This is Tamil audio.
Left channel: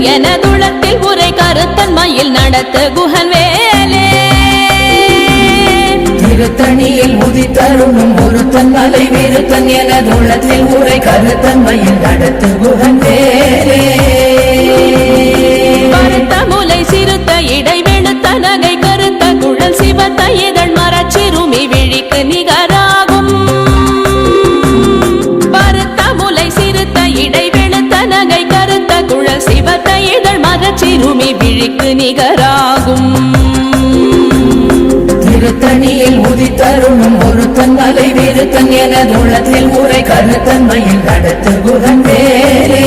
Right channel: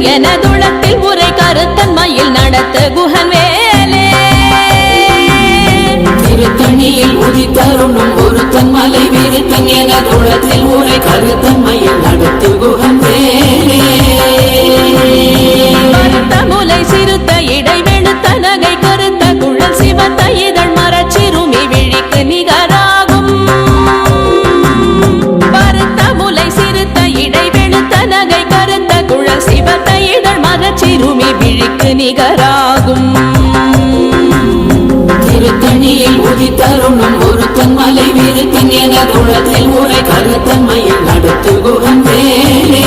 வீரத்தன் எனதுளத்தில் உரை கருத்தன்மையில் நடத்து குகன் வேலே திருத்தணியில் உதித்தருணும் ஒருத்தன் மலை வீரத்தன் எனதுளத்தில் உரை கருத்தன்மையில் நடத்து குகன் வேலே பருத்த முலை சிறுத்த இடை வெளுத்த நகை கருத்த குழல் சிவத்த இதழ் மரச்சிறுமி விழிக்கு நிகராகும் பருத்த முலை சிறுத்த இடை வெளுத்த நகை கருத்த குழல் சிவத்த இதழ் மரச்சிறுமி விழிக்கு நிகராகும் திருத்தணியில் உதித்தருணும் ஒருத்தன் மலை வீரத்தன் எனதுளத்தில் உரை கருத்தன்மையில் நடத்து குகன் வேலே